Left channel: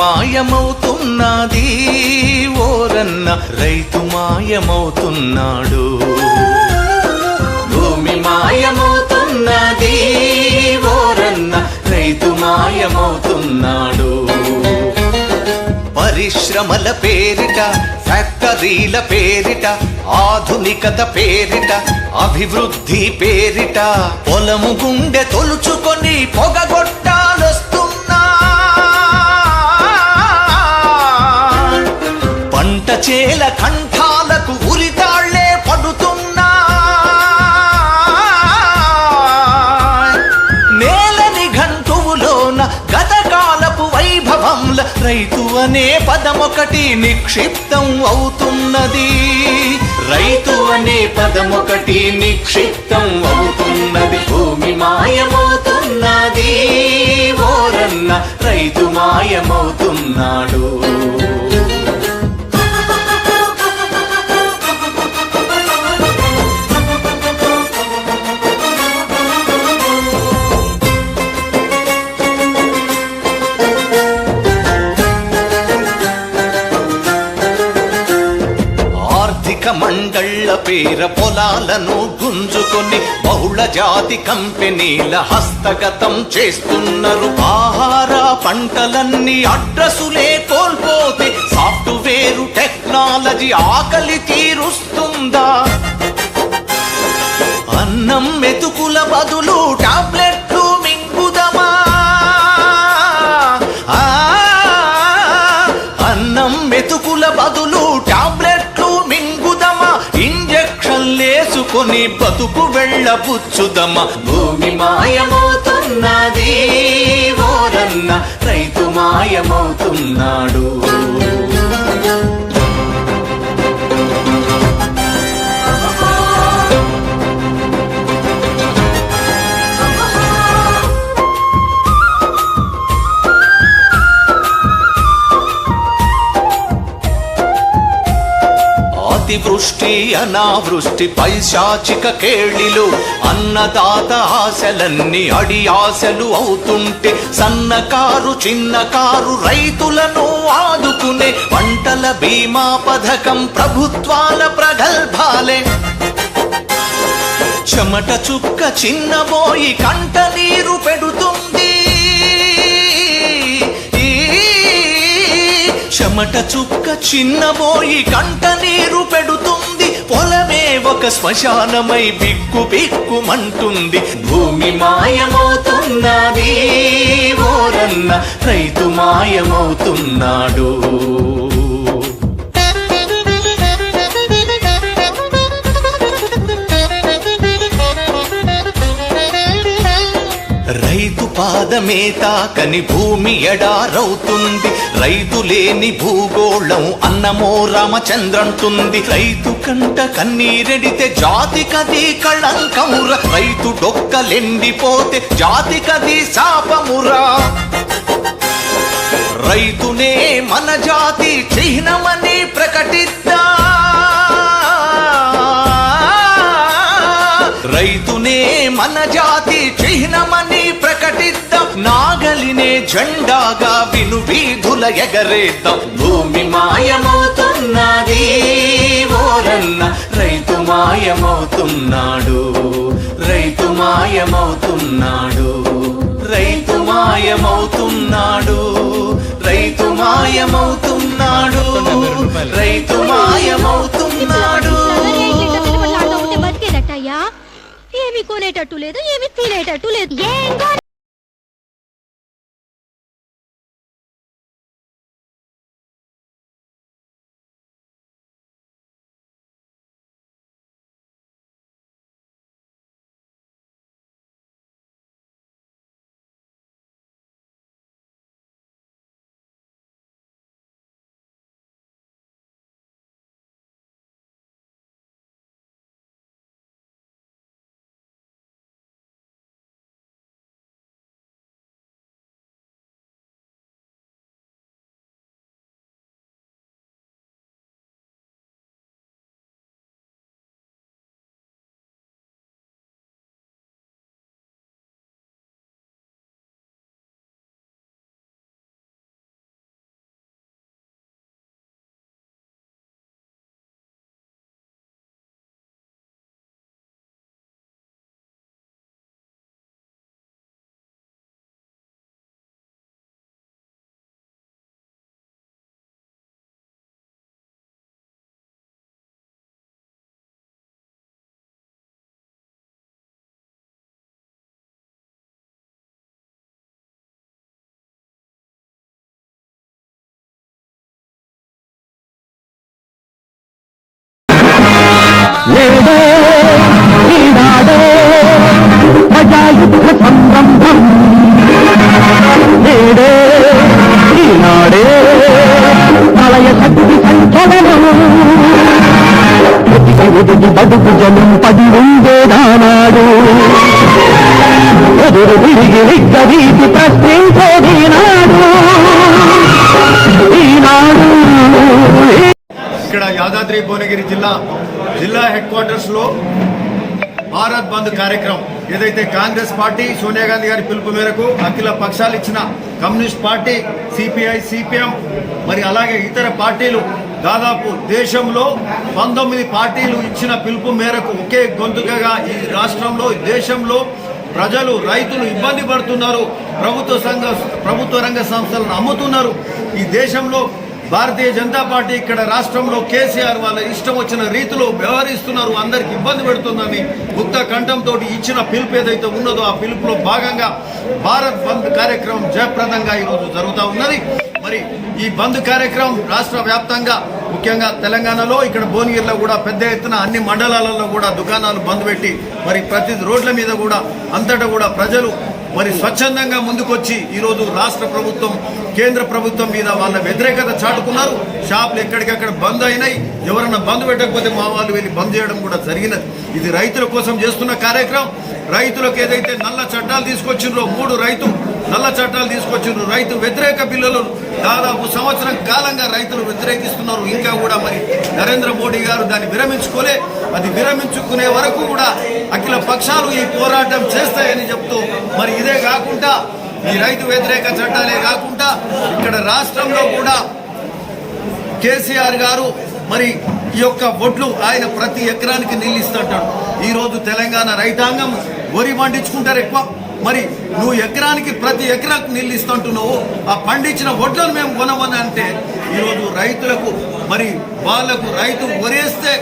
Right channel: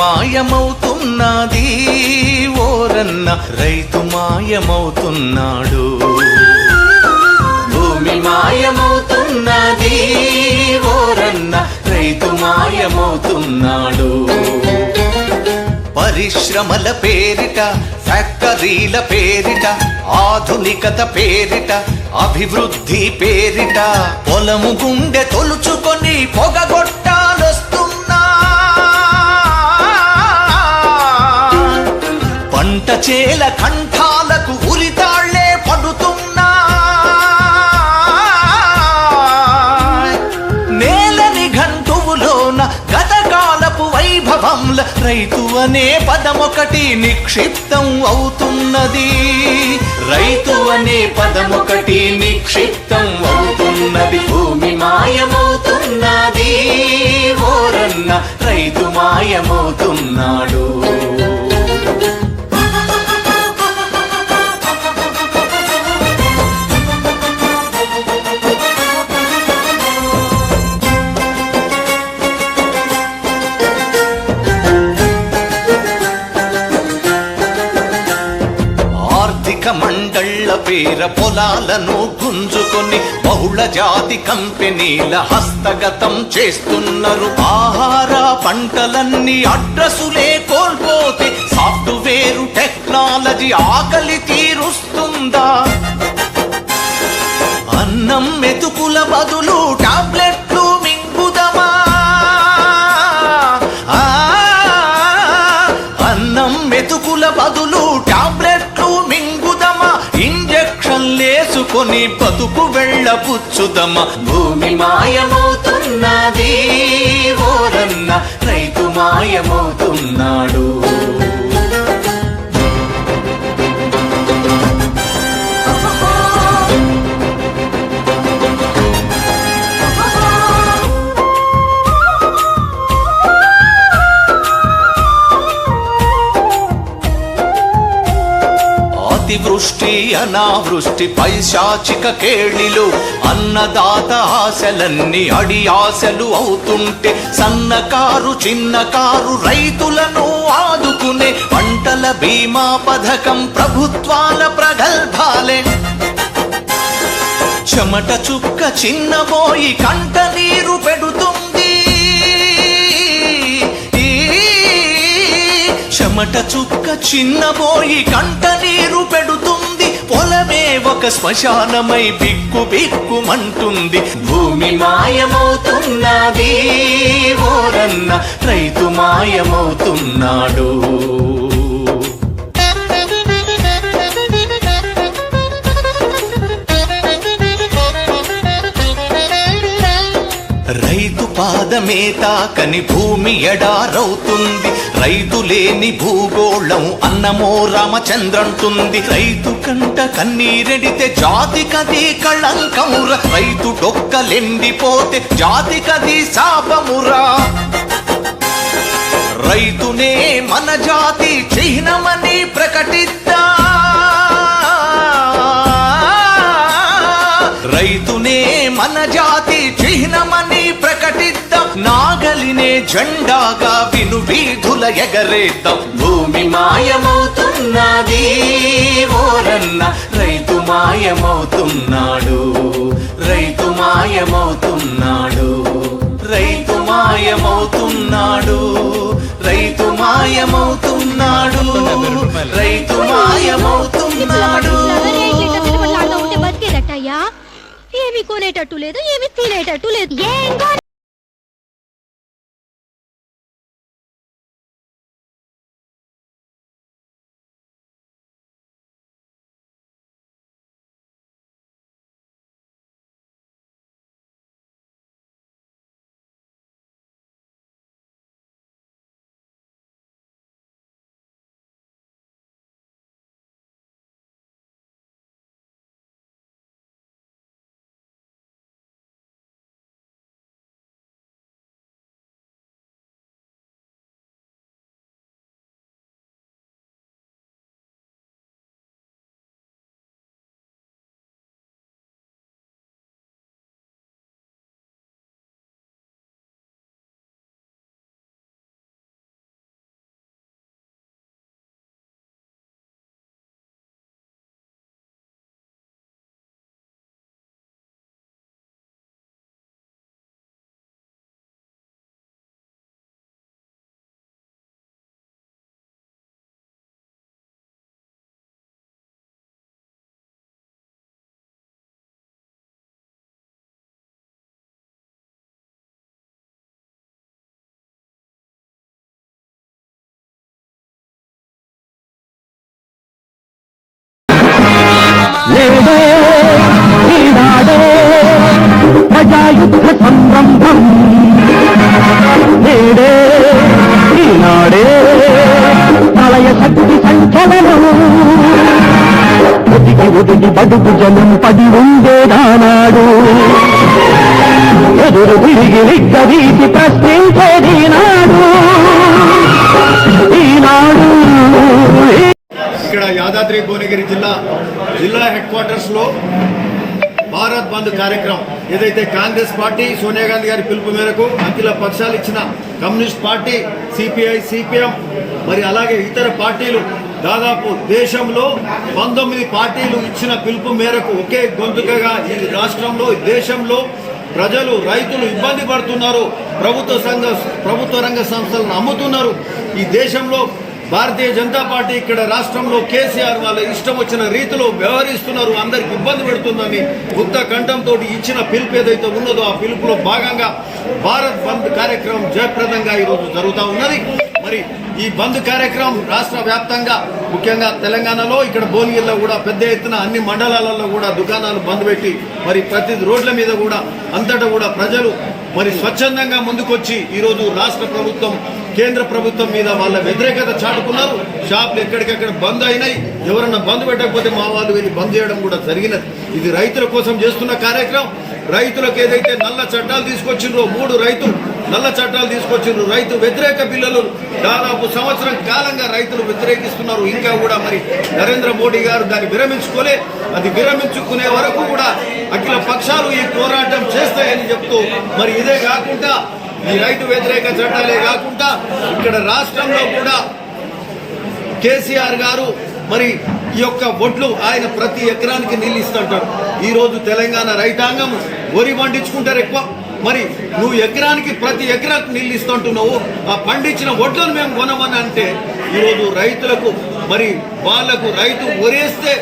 మాయమవుతున్నది. ఓరన్న రైతు మాయమవుతున్నాడు. భూమి మాయమవుతున్నది. ఓరన్న రైతు మాయమవుతున్నాడు. పరిశ్రమల పేరిట ఫ్యాక్టరీల పేరిట ఆధునికత పేరిట అభివృద్ధి పేరిట పొలము గుండె తొలుచుకొని పొగగొట్టాలొస్తున్నా చేల కంఠాలకు ఉరితాళ్ళే పడుతున్నా. నేలని గంటువులోన గతకాలపు వైభవంల రైతు అనే పదమొకటి నిక్షిప్తం అవుతున్నది. రైతు అనే పదమొకటి నిక్షిప్తం అవుతున్నది. భూమి మాయమవుతున్నది. ఓరన్న రైతు మాయమవుతున్నాడు. ఆర్థిక మండళ్ళ పేర పొలాలను గుంజుకొని బహుళ జాతి కంపెనీల హస్తగతం చేస్తున్నారు. ఆహార పంటలన్నీ అడ్రసులే కోల్పోతే సాఫ్ట్వేర్ టెక్నాలజీ ఆకలి తీరుస్తుందా? అన్నం మెతుకుల బదులు టాబ్లెట్లు మింగుదమా? అన్నం మెతుకుల బదులు టాబ్లెట్లు మింగుదమా? ఇంజక్షన్లేసుకొని బతుకు వెళ్ళబుచ్చుదమ్మ. భూమి మాయమవుతున్నది ఓరన్న రైతు మాయమవుతున్నాడు. అతివృష్టి అనావృష్టి పైశాచిక కేళిలు అన్నదాత ఆశలన్నీ అడి ఆశలు అవుతుంటే సన్నకారు చిన్నకారు రైతులను ఆదుకునే పంటల బీమా పథకం ప్రభుత్వాల ప్రగల్భాలే. చెమట చుక్క చిన్నబోయి కంట నీరు పెడుతుంది చెమట చుక్క చిన్నబోయి కంట నీరు పెడుతుంది. పొలమే ఒక శ్మశానమై బిక్కు బిక్కుమంటుంది. భూమి మాయమవుతున్నది ఓరన్న రైతు మాయమవుతున్నాడు. రైతు పాదమే తాకని భూమి ఎడారవుతుంది రైతు లేని భూగోళం అన్నమో రామచంద్రంటుంది. రైతు కంట కన్నీరెడితే జాతికది కళంకమురా. రైతు డొక్కలెండిపోతే జాతికది శాపమురా. రైతునే మన జాతి చిహ్నమని ప్రకటిద్దా. రైతునే మన జాతి చిహ్నమని ప్రకటిద్దాం. నాగలినే జెండాగా విను వీధుల ఎగరేద్దాం. భూమి మాయమవుతున్నది ఓరన్న. రైతు మాయమవుతున్నాడు రైతు మాయమవుతున్నాడు రైతు మాయమవుతున్నాడు రైతు మాయమవుతున్నాడు రైతు మాయమవుతున్నాడు. ఏమి కొనేటట్టు లేదు ఏమి తినేటట్టు లేదు. ఏం యుద్ధ సంరంభం నేడే ఈనాడే ప్రళయ శక్తి సంచలనం. ఒదిగి ఒదిగి బడుగు జనం పడి ఉండేదానాడు ఎదురు తిరిగి విగ్గదీసి ప్రశ్నించేది నాడు ఈనాడు ఇక్కడ యాదాద్రి భువనగిరి జిల్లా జిల్లా హెడ్ క్వార్టర్స్లో భారత్ బంద్ కార్యక్రమం. ఏదైతే కాంగ్రెస్ పార్టీ సోనియా గాంధీ గారి పిలుపు మేరకు అఖిల పక్షాలు ఇచ్చిన కమ్యూనిస్ట్ పార్టీ సిపిఐ సిపిఎం మరి అలాగే ఇతర పార్టీలు దాదాపు దేశంలో పంతొమ్మిది పార్టీలు ఇచ్చిన పిలుపు మేరకు ఒకే గొంతుకగా ఈ రాష్ట్రంలో దేశంలో ప్రజలు రైతులు ఇబ్బంది పడుతున్నారు ప్రభుత్వ సంఘ ప్రభుత్వ రంగ సంస్థలను అమ్ముతున్నారు. ఈ దేశంలో భారతీయ జనతా పార్టీ ఇక్కడ రాష్ట్రంలో కేసీఆర్ వాళ్ళ ఇష్టం వచ్చిన రీతిలో వ్యవహరిస్తున్నారు. అందరికి ఇబ్బంది పెడుతుందని ముక్త కంఠంతో ఇచ్చిన పిలుపు ఏదైతే ఉన్నదో ఆ పిలుపులో భాగంగా భారత్ బంద్ కార్యక్రమం జయప్రదంగా ఈరోజు జరుగుతూ ఉన్నది. మరి ఈ బంద్ కార్యక్రమం రాష్ట్ర వ్యాప్తంగా ముఖ్యంగా తెలంగాణలో ఇక్కడ భువనగిరిలో కూడా పెద్ద ఎత్తున అన్ని మండలాలలో కూడా దుకాణాలు బంద్ పెట్టి మరి ప్రతి రోడ్ల మీద కూడా అంతటా కూడా ప్రజలు మరి స్వచ్ఛందంగా ముందుకొచ్చి ఈరోజు రాష్ట్ర ప్రభుత్వం కేంద్ర ప్రభుత్వం మీద వాళ్ళ వ్యతిరేకత చాటుకున్నారు. షాపులు ఎక్కడికక్కడ బంద్ అయినాయి. ఎవరన్నా బంద్ పెట్టకపోతే మా వాళ్ళు వెళ్ళి బంద్ చేయడం కూడా జరిగినది. ఇది రైతుల కోసం చేస్తున్న కార్యక్రమం. రైతులకు ఏదైతే నల్ల చట్టాలు తీసుకొచ్చిండ్రో మూడు రైతు నల్ల చట్టాలు తీసుకొచ్చిండ్రు. రైతు వ్యతిరేక బిల్లులు దాదాపు సంవత్సరం కాలంగా రైతులు వ్యతిరేకిస్తున్నారు. ఇంకా కూడా మరి నరేంద్ర మోడీ గారు దాన్ని విరమించుకోలే. అది విరమించుకునే వరకు కూడా అఖిల పక్షాలు ఈ పోరాటం చేస్తాయని చెప్తూ మరి ఇదే కాకుండా ఈ రైతు వ్యతిరేక చట్టాలే కాకుండా ఇక్కడ రాష్ట్రంలో కూడా కేసీఆర్ గారు మరి ఈ యొక్క ఒడ్లు ఆయన ప్రతి ఎకరానికి నీళ్ళు ఇస్తుంటాడు ఈరోజు తెలంగాణ రైతాంగం వరి పండించుకుంటారు ఎక్కువ. మరి నువ్వు ఎకరానికి ప్రతి ఎకరానికి నీళ్ళు ఇస్తుంటున్నావు ఆ పండించిన వడ్లను మేము కొనమని అంటే ఈరోజు రైతులకు మరి వాళ్ళకు రైతు ఒరేస్తే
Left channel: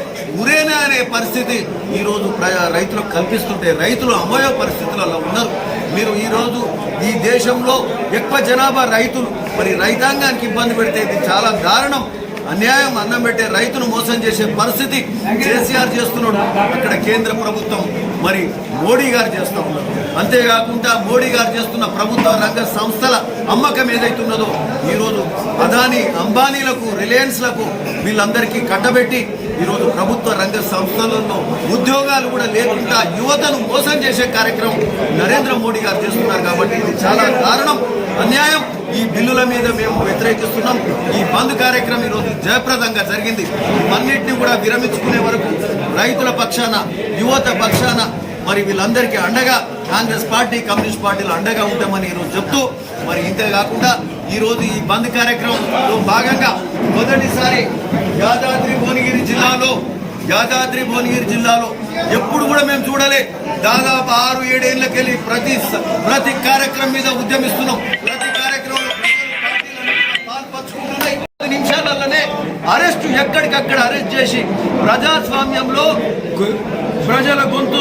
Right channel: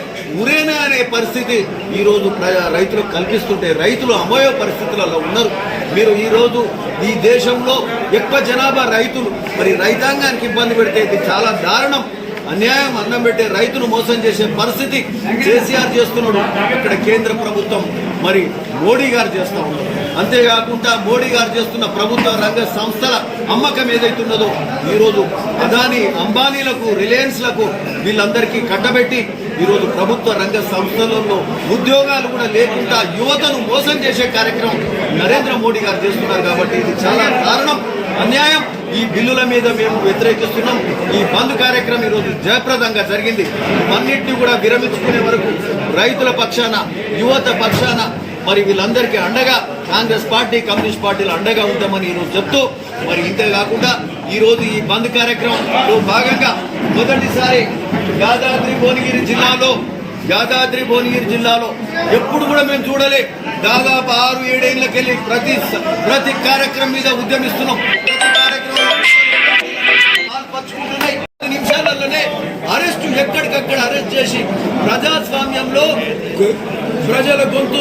ఊరేనా అనే పరిస్థితి ఈరోజు రైతులకు కల్పిస్తుంటే రైతులు అమోయ పరిస్థితులలో ఉన్నారు. మీరు ఈరోజు ఈ దేశంలో ఎక్కువ జనాభా రైతులు మరి రైతాంగానికి ఇబ్బంది పెడితే ఇది చాలా దారుణం. అన్యాయం అన్నం పెట్టే రైతును మోసం చేసే పరిస్థితి కేసీఆర్ చేస్తున్నాడు. ఇక్కడ కేంద్ర ప్రభుత్వం మరి మోడీ గారు చేస్తూ ఉన్నారు. అంతేకాకుండా మోడీ గారు చేస్తున్న ప్రభుత్వ రంగ సంస్థల అమ్మకం ఏదైతే ఉన్నదో ఈరోజు అదాని అంబానీలకు రిలయన్స్లకు వీళ్ళందరికీ కట్టబెట్టి ఈరోజు ప్రభుత్వ రంగ సంస్థలలో ఉద్యోగాలు కూడా లేకుండా యువతను మోసం చేసే కార్యక్రమం నరేంద్ర మోడీ గారు చేస్తున్నారు కాబట్టి ఇది చాలా దారుణం అన్యాయం. ఈ బిల్లుల మీద మేము వ్యతిరేకిస్తున్నాం. ఈ బంద్ కార్యక్రమం ఈరోజు జయప్రదంగా జరిగింది. అన్నింటినీ కూడా విరమించుకునే వరకు రైతుల పక్షాన యువత పక్షాన మరి వీళ్ళందరికీ అండగా కాంగ్రెస్ పార్టీ కమ్యూనిస్ట్ పార్టీలు అండగా ఉంటామని ఈరోజు చెప్తూ మరి ఇంతే కాకుండా ఈరోజు ఈ బంద్ కార్యక్రమంలో భాగంగా మొదటిసారి యాదాద్రి భువనగిరి జిల్లాలో యాదాద్రి భువనగిరి జిల్లాలో ఎప్పుడు కూడా మేము చూడలే. దాదాపు ఆరు ఏడేళ్ళకెళ్ళి ప్రతి ప్రతి కార్యక్రమం మీద ఉద్యమిస్తున్నాం. ప్రతి కార్యక్రమంలో పాల్పంచుకుంటున్నాయి. పది నిమిషాలలోనే అరెస్ట్ ఎక్కడికక్కడ అరెస్ట్ చేసి ప్రజాస్వామ్యంలో ప్రజల గొంతు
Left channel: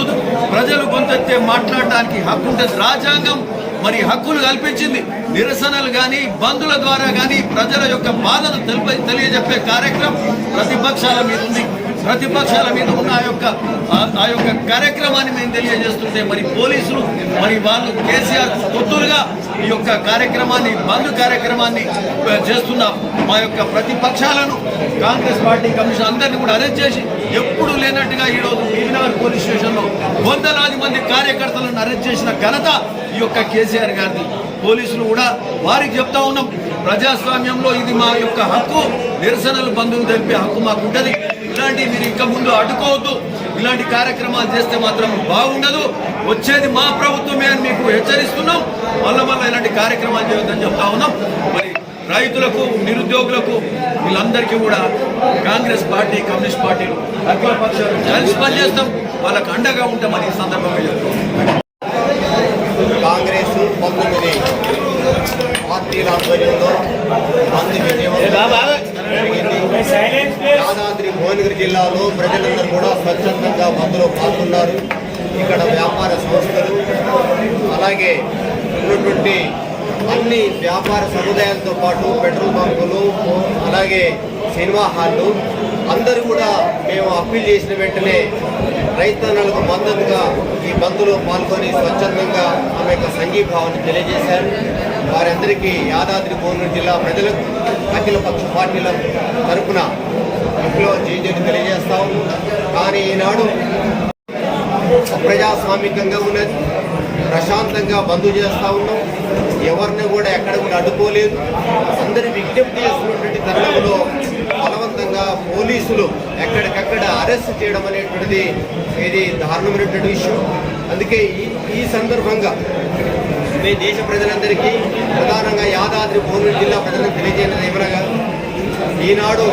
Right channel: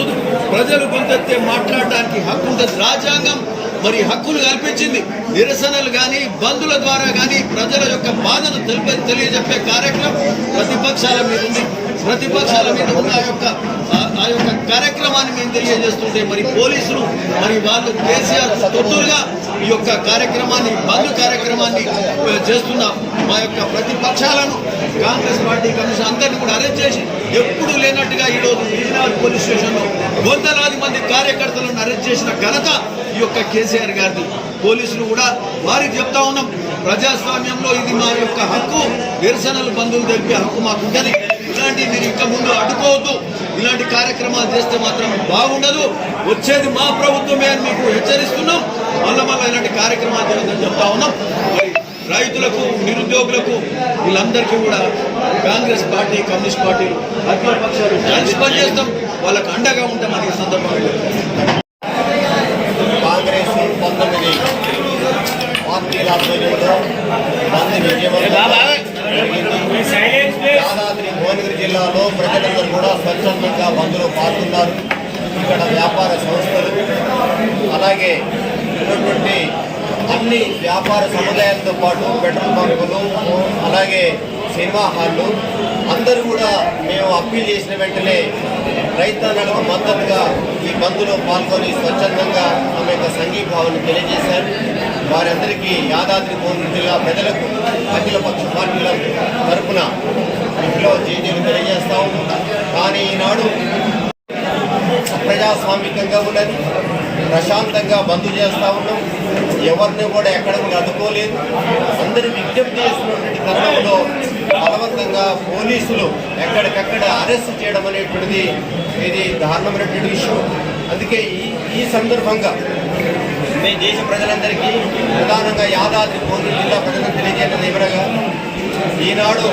ప్రజలు గొంతెత్తే మాట్లాడడానికి హక్కు ఉంటుంది రాజ్యాంగం మరి హక్కులు కల్పించింది నిరసనలు కానీ బంధుల ద్వారా కానీ ప్రజల యొక్క బాధను తెలిప తెలియజెప్పే కార్యక్రమం ప్రతిపక్షాల మీద ఉంది. ప్రతిపక్షాల మీద ఉన్న ఆ యొక్క ఆ- యొక్క కార్యక్రమాన్ని మేము తెలియజేస్తుంటే మరి పోలీసులు మరి వాళ్ళు కేసీఆర్ తొత్తులుగా ఈ యొక్క కార్యక్రమాన్ని బంద్ కార్యక్రమాన్ని చేస్తున్న మా యొక్క ప్రతిపక్షాలను కాంగ్రెస్ పార్టీ కమిషన్ అందరినీ కూడా అరెస్ట్ చేసి ఎప్పుడు లేనట్టుగా ఈరోజు బీబీనగర్ పోలీస్ స్టేషన్లో వందలాది మంది కార్యకర్తలను అరెస్ట్ చేసిన ఘనత ఈ యొక్క కేసీఆర్ గారిది. పోలీసులు కూడా వారికి చెప్తా ఉన్నాం ప్రజాస్వామ్యంలో ఇది మా యొక్క హక్కు నిరసనలు బంధువులు తెలిపే హక్కు మాకు ఉంటుంది. ఇలాంటివి మీరు ఇంకా ముందు అడ్డుకోవద్దు. ఇలాంటి కార్యక్రమాలు చేస్తే మాత్రం బాగుండదు. వచ్చేది మా ప్రభుత్వమే అని మీకు హెచ్చరిస్తున్నాం. మళ్ళా మళ్ళీ ఇలాంటి కార్యక్రమాలు చేయొద్దని చెప్తా ఉన్నాం. మరి రైతులకు నిరుద్యోగులకు వీళ్ళందరికీ కూడా కాంగ్రెస్ పార్టీ కమ్యూనిస్ట్ పార్టీలు అఖిల పక్షాలు కలిసి పనిచేస్తాం. వాళ్ళకు అండగా ఉంటామని సందర్భంగా. కాంగ్రెస్ పంతొమ్మిది పార్టీల ఆధ్వర్యంలో యాదాద్రి భువనగిరి జిల్లాలో ప్రజలందరూ కూడా స్వచ్ఛందంగా బంద్లో పాల్గొన్నారు. ఇక్కడ వ్యాపార సంస్థలు అలాగే ఉన్నటువంటి అన్ని వ్యాపార సముదాయాలతో పాటు పెట్రోల్ బంకులు అలాగే సినిమా హాళ్ళు. అందరూ కూడా మేము అప్పీల్ చేసిన వెంటనే రైతన్నలకు మద్దతుగా ఈ బంద్లో పాల్గొని స్వచ్ఛందంగా తమ యొక్క సంఘీభావాన్ని తెలియజేశారు. వారందరికీ యాదాద్రి కోనూరు జిల్లా ప్రజలకు అఖిల పక్ష పార్టీల తరఫున ఇంట్లో జేజీలు తెలియజేస్తా ఉన్నాం కానీ ఈనాడు ప్రజాస్వామికంగా ఉన్నది. ప్రశాంతంగా బంద్ చేస్తా ఉన్నాం. ఎవరిని కూడా ఎక్కడ కూడా అడ్డుకోలేదు అందరూ విజ్ఞప్తి చేస్తున్నటువంటి తరుణంలో బలవంతంగా పోలీసులు ఎక్కడికక్కడ అరెస్ట్ చేయడం అనేటువంటిది ఇది దారుణమైనటువంటి విషయం. అందుకే ఈ ఈ సందర్భంగా మీ దేశ ప్రజలందరికీ ప్రధానంగా యాదాద్రి భువనగిరి జిల్లా ప్రజలకు తెలియజేయడం ఏమనగా ఈనాడు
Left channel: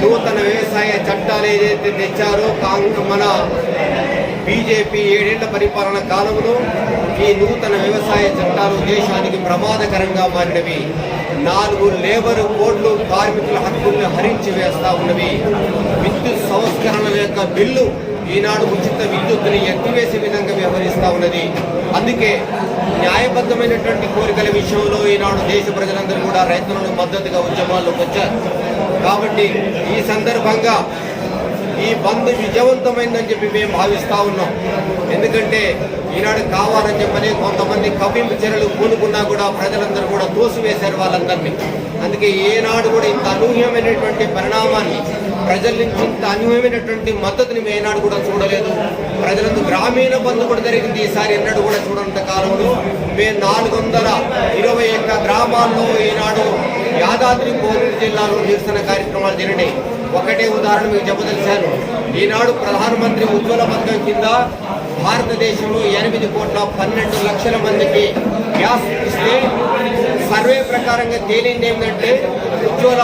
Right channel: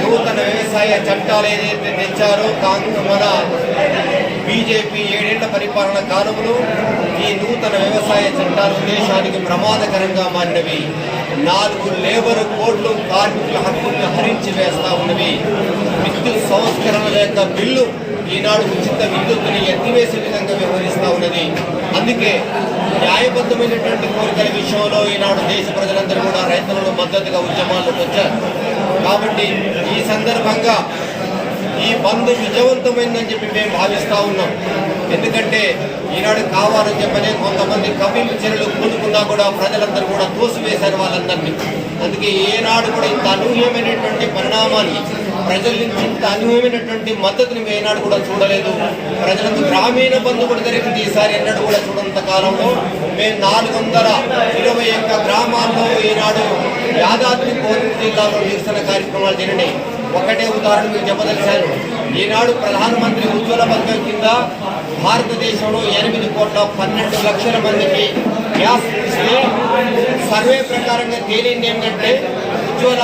నూతన వ్యవసాయ చట్టాలు ఏదైతే తెచ్చారో కాంగ్రెస్ మన బీజేపీ ఏడేళ్ళ పరిపాలన కాలంలో ఈ నూతన వ్యవసాయ చట్టాలు దేశానికి ప్రమాదకరంగా మారినవి. నాలుగు లేబర్ కోడ్లు కార్మికుల హక్కుల్ని హరించి వేస్తా ఉన్నవి. విద్యుత్ సంస్కరణల యొక్క బిల్లు ఈనాడు ఉచిత విద్యుత్తుని ఎత్తివేసే విధంగా వ్యవహరిస్తూ ఉన్నది. అందుకే న్యాయబద్ధమైనటువంటి కోరికల విషయంలో ఈనాడు దేశ ప్రజలందరూ కూడా రైతులను మద్దతుగా ఉద్యమాల్లోకి వచ్చారు. కాబట్టి ఈ సందర్భంగా ఈ బంద్ విజయవంతమైందని చెప్పి మేము భావిస్తా ఉన్నాం. ఎందుకంటే ఈనాడు కావాలని చెప్పని కొంతమంది కవ్వింపు చర్యలు కూలుకున్నా కూడా ప్రజలందరూ కూడా తోసివేశారు వాళ్ళందరినీ. అందుకే ఏనాడు కూడా ఇంత అనూహ్యమైనటువంటి పరిణామాన్ని ప్రజల నుంచి ఇంత అనూహ్యమైనటువంటి మద్దతుని మేము ఏనాడు కూడా చూడలేదు. ప్రజలందు గ్రామీణ బంధు కూడా జరిగింది. ఈసారి ఎన్నడూ కూడా చూడంత కాలంలో మేము నాలుగు వందల ఇరవై ఒక్క గ్రామాల్లో ఈనాడు యాదాద్రి భువనగిరి జిల్లాలో నిరసన కార్యక్రమాలు జరిగినాయి. ఒకటే ఉదాహరణ మీకు చెప్పదలిచాను. ఈనాడు ప్రధానమంత్రి ఉజ్వల పథకం కింద భారతదేశంలో ఎనిమిది కోట్ల పన్నెండు లక్షల మందికి గ్యాస్ ఇస్తే సర్వే ప్రకారంగా తేలింది ఏంటంటే ఉజ్వల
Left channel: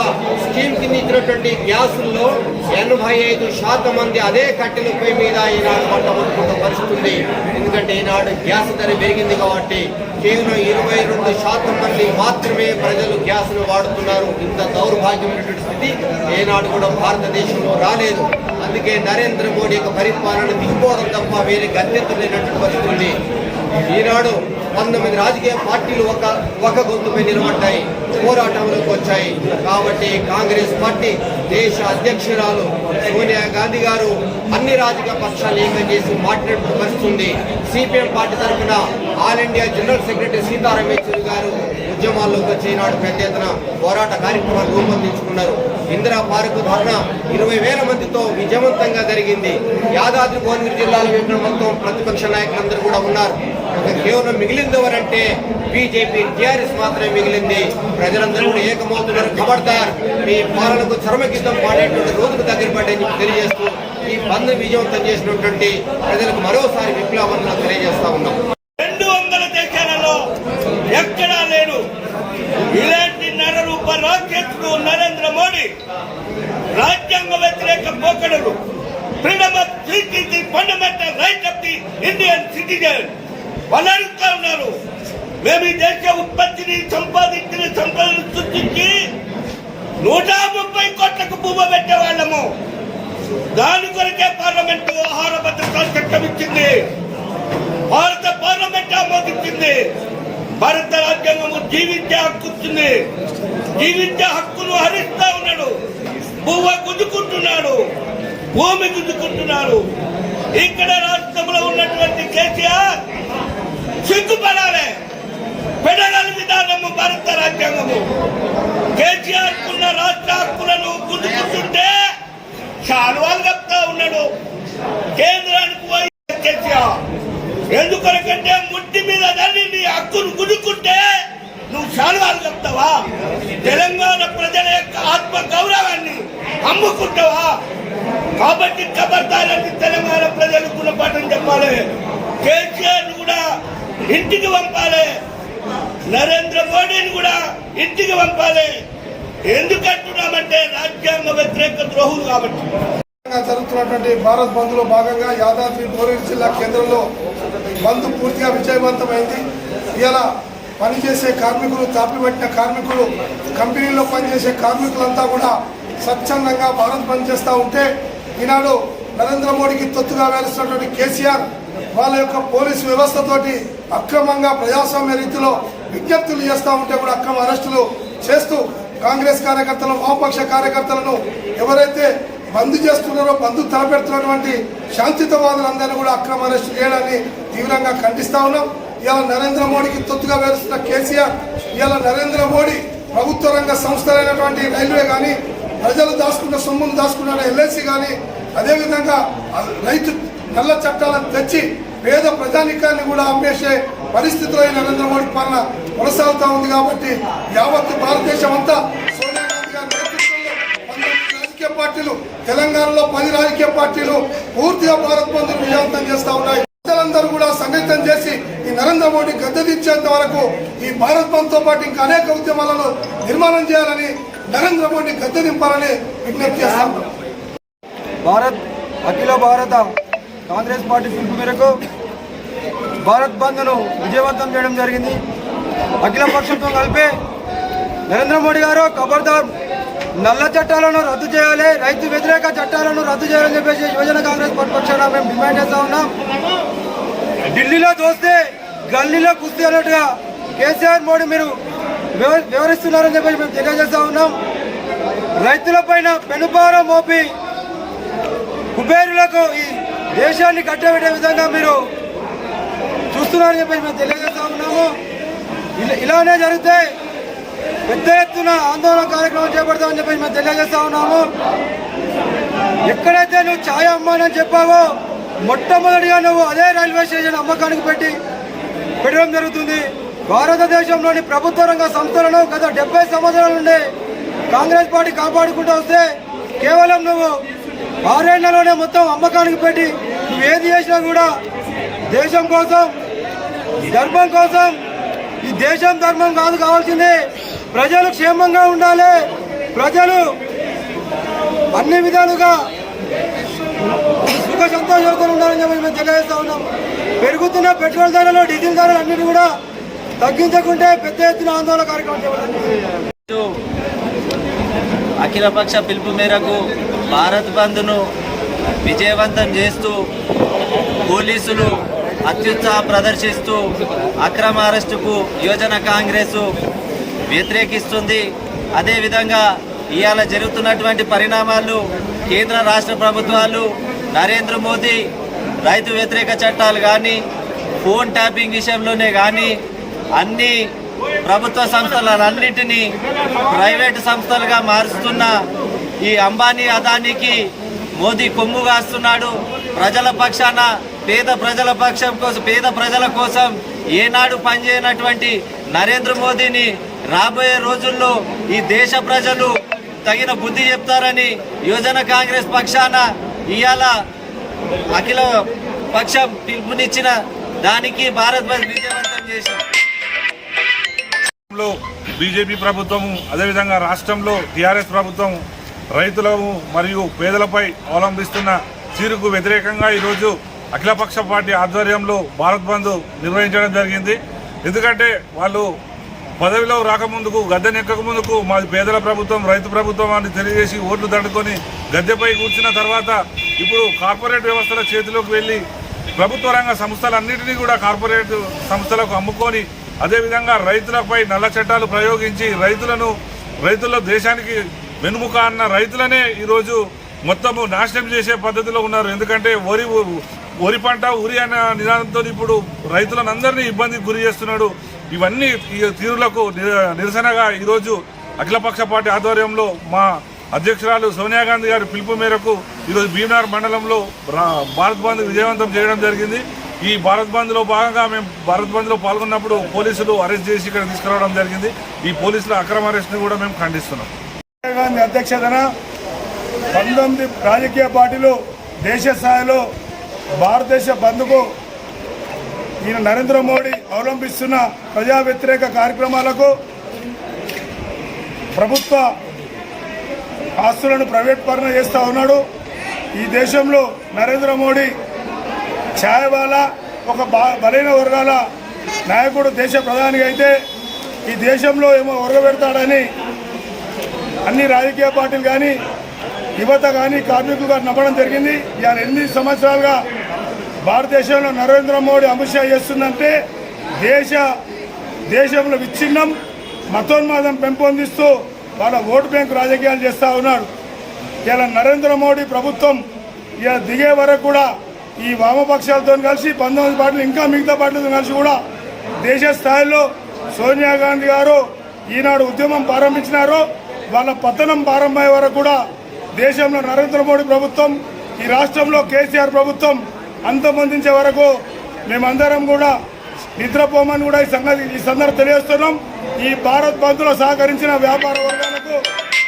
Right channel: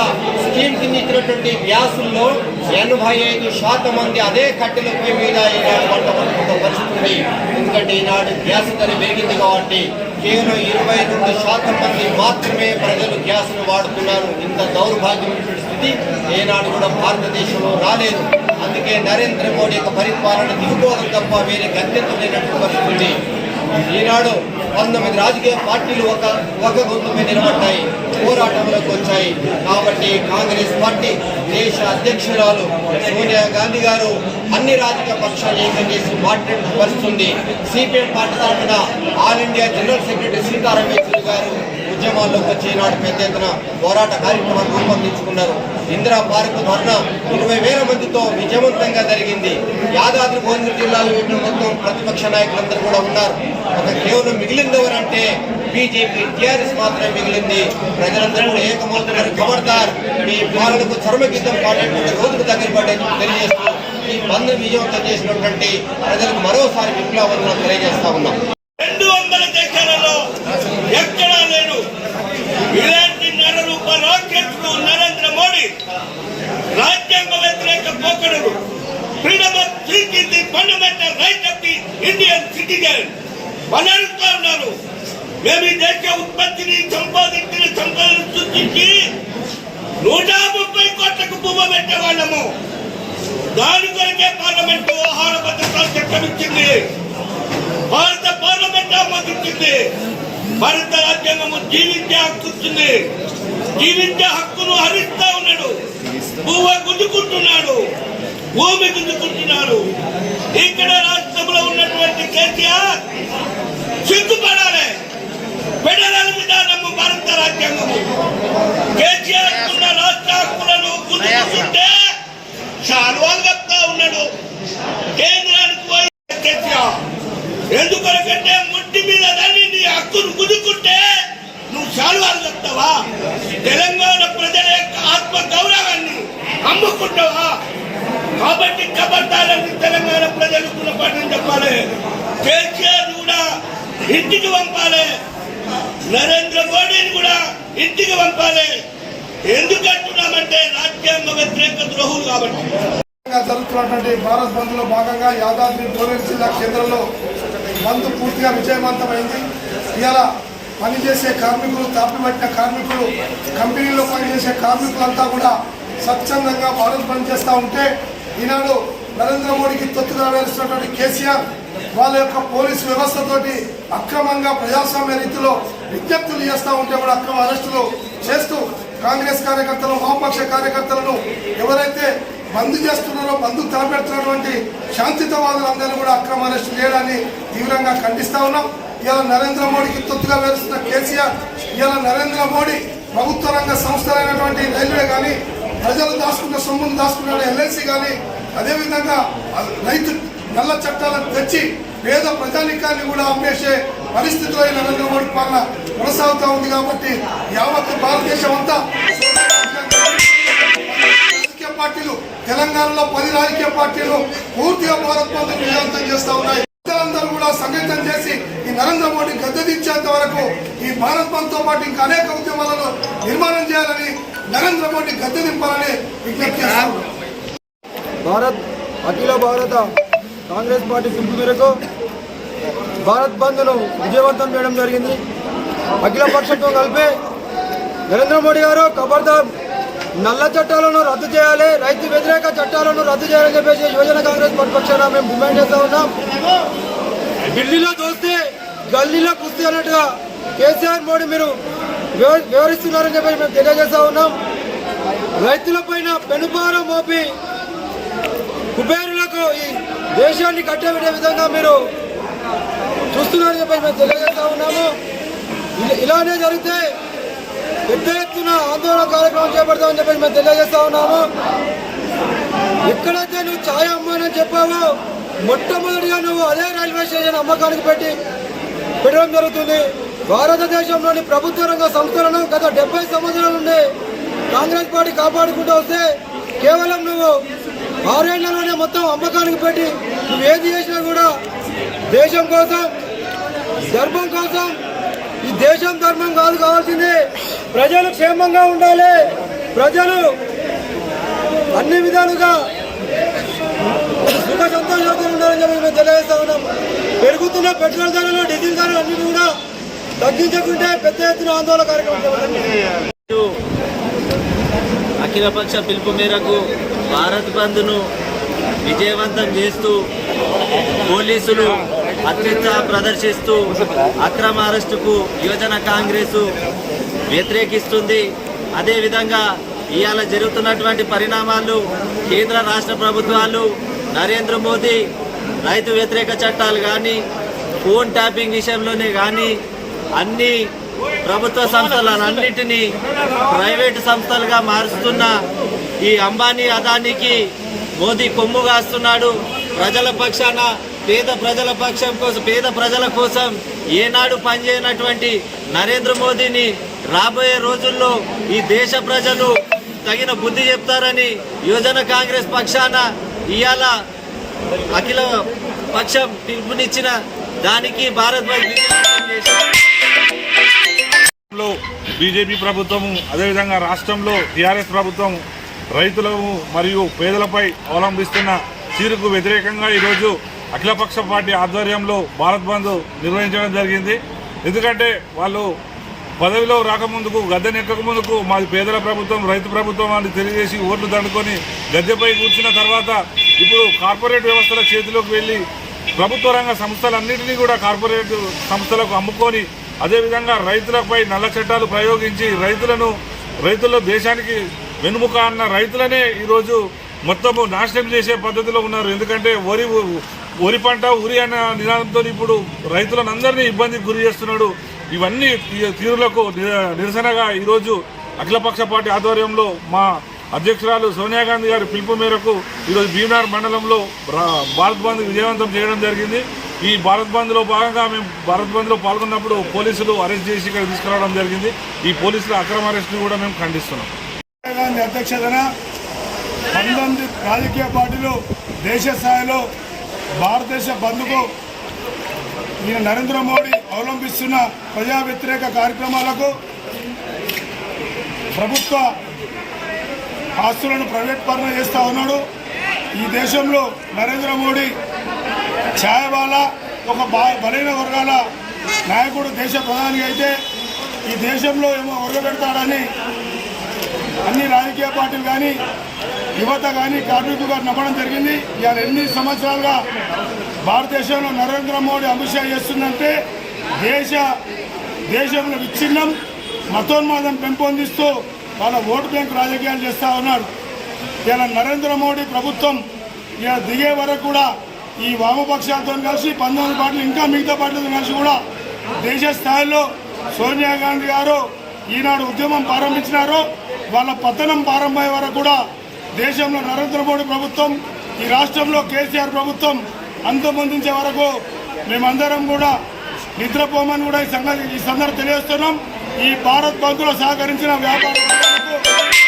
స్కీమ్ కింద ఇచ్చినటువంటి గ్యాసుల్లో ఎనభై ఐదు శాతం మంది అదే కట్టెలపై మీద ఈనాడు వంట వండుకున్న పరిస్థితి ఉంది. ఎందుకంటే ఈనాడు గ్యాస్ ధర పెరిగింది కాబట్టి కేవలం ఇరవై రెండు శాతం మంది మాత్రమే ప్రజలు గ్యాస్ను వాడుతున్నారు. ఇంత దౌర్భాగ్యమైనటువంటి స్థితి ఏనాడు కూడా భారతదేశంలో రాలేదు. అందుకే నరేంద్ర మోడీ యొక్క పరిపాలన దిగిపోవడం తప్ప వేరే గత్యంతరం లేనటువంటి పరిస్థితి ఈనాడు పంతొమ్మిది రాజకీయ పార్టీలు ఒక ఒక గొంతుపై నిలబడ్డాయి. పోరాటంలోకి వచ్చాయి కాబట్టి కాంగ్రెస్ పార్టీ దేశ అధ్యక్షురాలు సోనియా గాంధీ గారు అన్ని రాజకీయ పక్షాలు ఏకం చేసి మాట్లాడే పరిస్థితి సిపిఎం పార్టీ తరఫున all India general secretary Sitaram Yechury గారు ఉద్యమాల్లోకి వచ్చి ఈనాడు పెద్ద ఎత్తున పోరాట కార్యక్రమాలు రూపొందించుకున్నారు. ఇందిరా పార్కు ధర్నా ఇరవై వేల మందితో విజయవంతంగా జరిగింది. యాదాద్రి భువనగిరి జిల్లాలో మొత్తం ప్రతిపక్ష నాయకులందరూ కూడా ఉన్నారు. ఒక కేవలం మిగిలింది ఎవరంటే బీజేపీ టీఆర్ఎస్ మాత్రమే మిగిలింది. ప్రజలందరూ కూడా ఏకమవుతున్నారు. ఖబర్దార్ మీ పాలనకు చర్మగీతం పాడేటువంటి రోజుకు దగ్గర పడ్డాయని తెలియజేస్తూ ఈ బంద్ విజయవంతం చేసినటువంటి ప్రజలకు మరోసారి విప్లవం తెలియజేస్తా ఉన్నాం. రెండు వందల దేశాలలో ఎక్కడా లేడు. ఇలాంటి నరరూప రాకెట్లు నరేంద్ర మోడీ రాజ్యాంగ వ్యతిరేక పోకడలు freedom of speech is the fundamental right of the Indian citizen. వాళ్ళు ఉన్నారు. మేము ఈ దేశ ఉత్పత్తిని సంపాదించిన సంపదను సృష్టించి నూట ముప్పై కోట్లకు భూమ పెట్టే వాళ్ళము. దాని కొరకే పార్లమెంట్ ఆహార భద్రత చట్టం ఇచ్చింది. భారత పార్లమెంట్ ఆమోదించింది. భారత రాజ్యాంగము జీవించే హక్కు ఇచ్చింది జీవించే హక్కును హరిస్తా ఉన్నాడు. భూమ గుంజుకుంటున్నాడు. భూమి గుంజుకుంటున్నాడు ఇక్కడ రాష్ట్రంలో ఉన్నటువంటి కేసీఆర్ ఫెడరల్ విధానము భారత రాజ్యాంగము. కేసీఆర్ కున్న రాష్ట్ర హక్కులను గుంజుకుంటుంటే శాలువాలు చెప్తా ఉన్నాడు. కేంద్రానికి పోయి కేసీఆర్. ఎందుకొరకంటే ముట్టి మీద దాన్ని నీ హక్కును గుదుకుంటే నువ్వు శాలువాలు చెప్తావా? తెలంగాణ ప్రజల యొక్క ఆత్మ గౌరవాన్ని అమ్ముకుంటావా? కాబట్టి కబర్దారని తెలంగాణ ప్రజలకు గుణపాఠం చెప్పాలి. కేసీఆర్ కూడా ఇంటికి పంపాలి. నరేంద్ర మోడీని కూడా ఇంటికి పంపాలి. ఎందుకంటున్నామంటే రాజ్యాంగ వ్యతిరేక ద్రోహులు కాబట్టి. జరుగుతున్నటువంటి భారత్ బంద్లో భాగంగా యాదాద్రి భువనగిరి జిల్లా కేంద్రంలో బంద్ పూర్తిగా విజయవంతమైంది. ఇలా పనిచేసే కార్మికులు తాపిపట్టిన కార్మికులు కంపెనీల్లో పనిచేసే కార్మికులంతా కూడా స్వచ్ఛందంగా భారత్ బంద్ చేస్తూ ఉంటే ఈనాడు నరేంద్ర మోడీకి తొత్తుగా వేలుస్తున్నటువంటి కేసీఆర్ వాళ్ళ యొక్క పోలీసు వ్యవస్థతోటి అక్రమంగా ప్రజాస్వామ్య రీతిలో విజ్ఞప్తులు చేస్తూ ఉంటే కూడా అక్రమ అరెస్టులు చేస్తూ కాంగ్రెస్ కార్యకర్తలు వామపక్ష కార్యకర్తలను ఎవరైతే బంద్ చేస్తున్నారో బంద్ తలపెడుతున్నటువంటి శాంతితవాదులందరినీ కూడా అక్రమ అరెస్టు చేయడాన్ని తీవ్రంగా ఖండిస్తా ఉన్నాం. ఇలా నరేంద్ర మోడీకి తొత్తుగా వేరుస్తున్న కేసీఆర్ ఇలా నరేంద్ర మోడీ ప్రభుత్వ రంగ సంస్థలైనటువంటి రైల్వే కానీ ప్రజలు దాచుకున్న సొమ్మును దాచుకున్న ఎల్ఐసి కానీ అదేవిధంగా రైతు నల్ల చట్టాలను తెచ్చి పేద ప్రజానికాన్ని కూడా అమ్మేసే పరిస్థితులు నరేంద్ర మోడీ పాలన కొనసాగుతా ఉంది కాబట్టి యావత్ భారతదేశం అంతా రాజకీయ పార్టీలు తెలంగాణలో పది రాజకీయ పార్టీలు పూర్తిగా భారత్ బంద్ విజయవంతం చేస్తా ఉన్నాయి. ప్రజలందరూ కూడా సంఘటితం చేసి ఈ నరేంద్ర మోడీ గద్దెదించేంత వరకు ఈ భారత్ బంద్ పాటు ఇంకా అనేక ఉద్యమాలను నిర్మాణం చేయాలని నరేంద్ర మోడీ గద్దె దింపాలని విజ్ఞప్తి చేస్తాం భారత్ అఖిల భారత కాంగ్రెస్ పార్టీ పిలుపు మేరకు భారత్ బంద్ను విజయవంతం చేయడం జరిగింది. అఖిల పక్షంతో కలిపే నరేంద్ర మోడీ గారు ఖబర్దార్ నల్ల చట్టాలను రద్దు చేయాలి రైతు వ్యతిరేక చట్టాలను రద్దు చేయాలని చెప్పేసి యువజన కాంగ్రెస్ పార్టీ పక్షాన మేము డిమాండ్ చేస్తా ఉన్నాం. ఢిల్లీలో చూస్తే గల్లీలో కుస్తీ అన్నట్టుగా కేసీఆర్ మోడీ మీరు వివరిస్తున్నారని చెప్పేసి మేము తెలియజేస్తా ఉన్నాం. రైతుల పైన పెనుభారం మోపి కుబేరులకు ఈ దేశాన్ని కట్టబెట్టే విధంగా మీరు చూస్తున్నారని చెప్పేసి మేము తెలియజేస్తా ఉన్నాము. ఇలా- ఇలానే జరిగితే పెద్ద ఎత్తున ఆందోళన కార్యక్రమం చేపడతామని చెప్పేసి మేము తెలియజేస్తా ఉన్నాము. ఎక్కడైతే నీ ఛాయ అమ్మానని చెప్పావో మొట్టమొదటిగా నువ్వు అదే రైల్వే స్టేషన్ అమ్మకానికి పెట్టి పెట్టడం జరుగుతుంది. భారతదేశంలోని ప్రభుత్వ రంగ సంస్థలను గత డెబ్బై సంవత్సరాల నుండి కాంగ్రెస్ పార్టీ కాపాడుకుంటూ వస్తే కేవలం నువ్వు ఆరేళ్ళలోనే మొత్తం అమ్మకానికి పెట్టి నువ్వు ఏది చేసినా కూడా దేశం కోసం ధర్మం కోసం ఈ దేశం ధర్మం కాదు కావాల్సింది ప్రజలు క్షేమంగా ఉండాలి. ప్రజలు అన్ని విధాలుగా సుఖ సంతోషంతో ఉండాలని చెప్పి మేము తెలియజేస్తా ఉన్నాం. పెరుగుతున్న పెట్రోల్ ధరలు డీజిల్ ధరలు అన్నిటి కూడా తగ్గించకుంటే పెద్ద ఎత్తున ఆందోళన కార్యక్రమం చేపట్టాలి అఖిలపక్ష పిలుపు మేరకు భారత్ బంద్ను విజయవంతం చేస్తూ పోలీసులు అత్యుత్సాహం ప్రదర్శిస్తూ అక్రమ అరెస్టుకు యువజన కాంగ్రెస్ వ్యతిరేకిస్తుంది. అదేవిధంగా ఇవాళ జరుగుతున్నటువంటి పరిణామాలు కేంద్ర రాష్ట్ర ప్రభుత్వాలు నరేంద్ర మోదీ రైతు వ్యతిరేక చట్టాలు కానీ ఫోన్ ట్యాపింగ్ విషయంలోనే కానీ అన్ని ప్రభుత్వ సంస్థలన్నింటినీ ప్రైవేటు సంస్థలుగా మారుస్తున్న ఈ అంబానీ అదానికి మోదీ కొమ్ము కాస్తున్నాడు. ప్రజల పక్షాన పేద ప్రజల పక్షం కోసం పేద ప్రజల కోసం ఏనాడు పనిచేయనటువంటి నరేంద్ర మోదీని రాబోయే రోజుల్లో ఈ దేశ ప్రజలు తగిన బుద్ధి చెప్తారని యువజన కాంగ్రెస్ పక్షాన ఇవాళ అఖిల పక్షం పిలుపునిచ్చిన దానికి భారత్ చేసింది. బీజేపీ ప్రభుత్వము అదేవిధంగా రాష్ట్రంలో టీఆర్ఎస్ ప్రభుత్వం రైతులను మరియు పేదలపై అవలంబిస్తున్న తీరుకు వ్యతిరేకంగా ఈరోజు అఖిలపక్ష పార్టీ ఆధ్వర్యంలో భారత్ బంద్ నిర్వహించడం జరిగింది. ఎందుకంటే వాళ్ళు పదవిలో రాకముందుకు గద్దెనెక్కక ముందుకు మాది పేదల ప్రభుత్వం రైతు ప్రభుత్వం అని తెలియజేసి ఓట్లు దండుకొని గద్దెపై కూర్చున్న తర్వాత ఇప్పుడు కార్పొరేట్ వ్యవస్థల చేతిలోకి వెళ్ళి ప్రభుత్వ రంగ సంస్థలన్నింటినీ కూడా కార్పొరేట్ సంస్థలకు అమ్ముకొని అదేవిధంగా రైతులపై నల్ల చట్టాలు ప్రయోగించి రైతులను రైతుల దేశానికి వెనుముక అన్న రైతులనే ఈరోజు మొత్తము నాశనం చేసే పద్ధతిలో ఉన్నారు. ఎందుకంటే వరి వరి పంట ఉరి అనే నినాదంతో ఇప్పుడు రైతులను అందరినీ ఇబ్బందికి గురి చేస్తున్నాడు. ఇవన్నీ తీరులకు నిర- నిరసనగా ఈరోజు అఖిలపక్ష పార్టీ ఆధ్వర్యంలో మా అధ్యక్షురాలు సోనియా గాంధీ గారి పిలుపు మేరకు ఈరోజు భీమనగర్ మండలంలో రా- భారత్ బంద్ విజయవంతం చేయడం జరిగింది. ఈ భారత్ బంద్లో భాగంగా మేము భారత్ బంద్లో పాల్గొన్నప్పుడు పోలీసులు అరెస్ట్ చేసి ఇక్కడ తీసుకురావడం జరిగింది. ఈ పోలీసుల అక్రమ అరెస్ట్ను కూడా మేము ఖండిస్తున్నాం. గాంధీ అధ్యక్షతన పంతొమ్మిది రాజకీయ పార్టీలు దేశ స్థాయిలో భారతదేశ బంద్కు ఈయన నరేంద్ర మోడీ అవలంబిస్తున్న ప్రజా వ్యతిరేక కార్యక్రమాలకు ప్రభుత్వ ఆస్తులను ప్రైవేట్ పరణ చేస్తూ ఉన్నాడు. ఈ దేశంలో నరేంద్ర మోడీ ఛాయవాల ఒక బా బలైన వర్గాల నాయకుడు దేశ ప్రధానిగా అయితే ఈ దేశంలో ఏమో ఒరగబెడతాడని అన్ని రాజకీయ పార్టీలు కానీ యువత కానీ కార్మికులు కానీ నమ్మడం జరిగింది. ఇవాళ ఎన్ని సంవత్సరాలుగా భారతదేశంలో నరేంద్ర మోడీ అమిత్ షా చేస్తుందంటే దేశ దేశంలో విచ్ఛిన్నం మతోన్మాదం పెంపొందిస్తూ వాళ్ళ ఓటు బ్యాంక్ రాజకీయాలు చేస్తూ ఉన్నాడు ఇలా నరేంద్ర మోడీ ప్రభుత్వం ఇలా దిగే వరకు కూడా ఈ వామపక్షాలతో కలిసి పంతొమ్మిది పార్టీలు ఇంకా మిగతా పార్టీలతో కలిసి కూడా దేశ స్థాయిలో సోనియా గాంధీ గారు ఈనాడు ఉద్యమం ప్రారంభించినారో. వాళ్ళ పతనం ప్రారంభమయ్యే వరకు కూడా దేశంలో నరేంద్ర మోడీ ప్రభుత్వం ఈ రాష్ట్రంలో కేసీఆర్ ప్రభుత్వం అంతమొందించే వరకు మేమందరం కూడా నిద్రపోమని కూడా ఈ సంగతి ఈ సందర్భం తెలియజేస్తున్నాం. ఈ భారత్ బంద్లో సహకరించిన వ్యాపార వర్గాలకు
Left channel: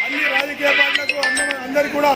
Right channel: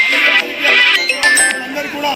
అన్ని రాజకీయ పార్టీలకు అందరికీ కూడా